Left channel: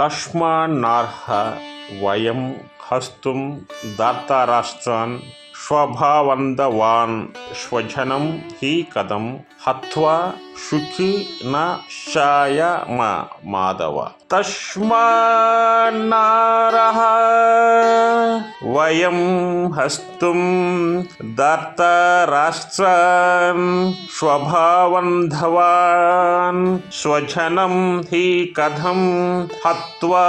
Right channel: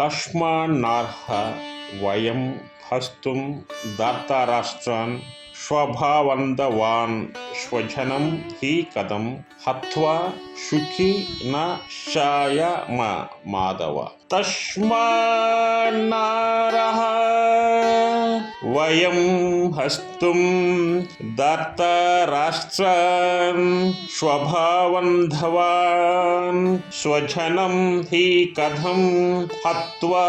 తస్మాన్నార్హ వయం హస్తుం దార్తారాష్ట్రాన్ స్వభావందవాన్ స్వజనం హి కథం హత్వా సుఖి న శాయమ మాధవ. తస్మాన్నార్హ వయం హస్తుం దార్తారాష్ట్రాన్ స్వభావంధవాన్ స్వజనం హి కథం హత్వా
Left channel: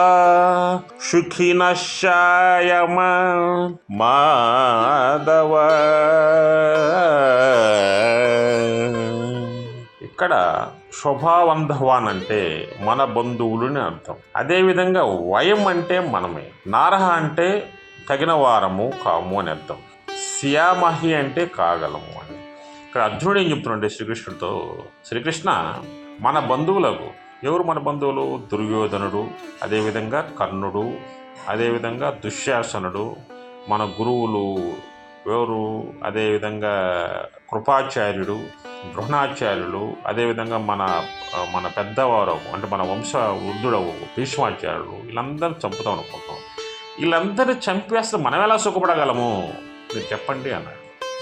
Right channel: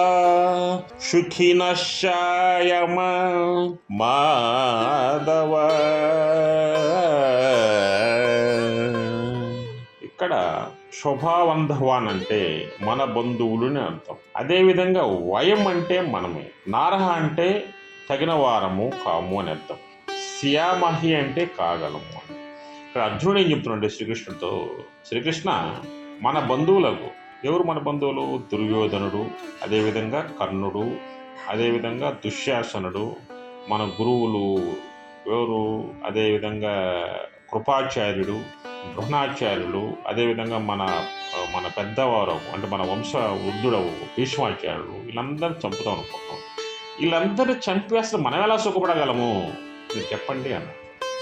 సుఖిన శాయమ మాధవ. ఇక్కడ స్వభావంధవాన్ అంటే మన బంధువులని అర్థం. అదేవిధంగా వయం అంటే మనమే, నారహ అంటే తగిన వారము కాము అని అర్థం, శ్యామహి అంటే కాగలము అని. ఇక్కడ అర్జునుడు ఏం చెప్తున్నాడంటే శ్రీకృష్ణుడితో, శ్రీకృష్ణ మన బంధువులకు, ఎవరు మన బంధువులు? దుర్యోధనుడు, అదేవిధంగా కర్ణుడు, అదేవిధంగా దుశ్శాసనుడు, మన గురువులు ఎవరు? అదేవిధంగా కృపాచార్యుడు, ద్రోణాచార్యులు, అదేవిధంగా మన పెద్దవారు అంటే మన వంశ వృద్ధుడవు భీష్మాచార్యులు, వీళ్ళందరూ చంపుతాం అనుకుంటాం. వీళ్ళందరూ చంపేస్తే మనం ఎలా సుఖపడగలము మీరు చెప్పండి అన్నాడు.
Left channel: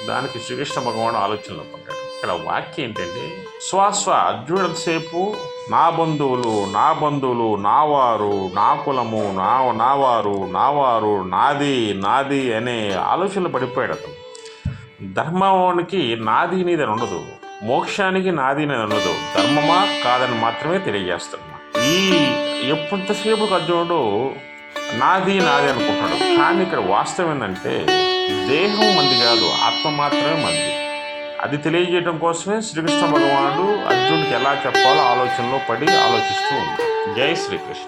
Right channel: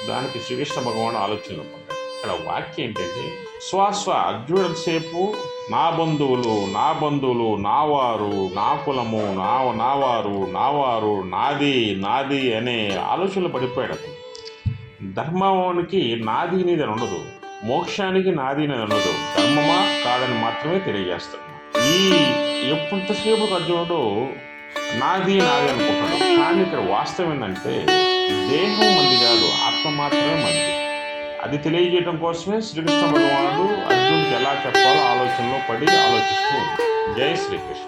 దానికి శ్రీకృష్ణ భగవానుడు ఆలోచనలు పొందాడు. ఇక్కడ వాక్యం ఏంటంటే, అర్జునుడిసేపు నా బంధువులు, నావారు, నా కులము, నావారు, నాది అనే ఆలోచనలు పడిపోయాడు అతను. ధర్మానికి నాది అనేది ఉండదు, మోక్షానికి నాది అనేది ఉండదు, ధర్మమా కాదని మాత్రమే తెలియజేస్తున్నా. ఎప్పుడంతసేపు అర్జునుడు నాది అనుకుంటాడు. కానీ ఇక్కడ వాస్తవం ఏంటంటే, దేహం మంది కాదు, ఆత్మ మాత్రమే మంది. అది తెలియజేయడం కోసమే శ్రీకృష్ణ భగవానుడు అర్జునుడికి ఎలా చెప్పాలో ఆలోచనలో పడి ఆలోచిస్తూ ఉంది. జై శ్రీకృష్ణ.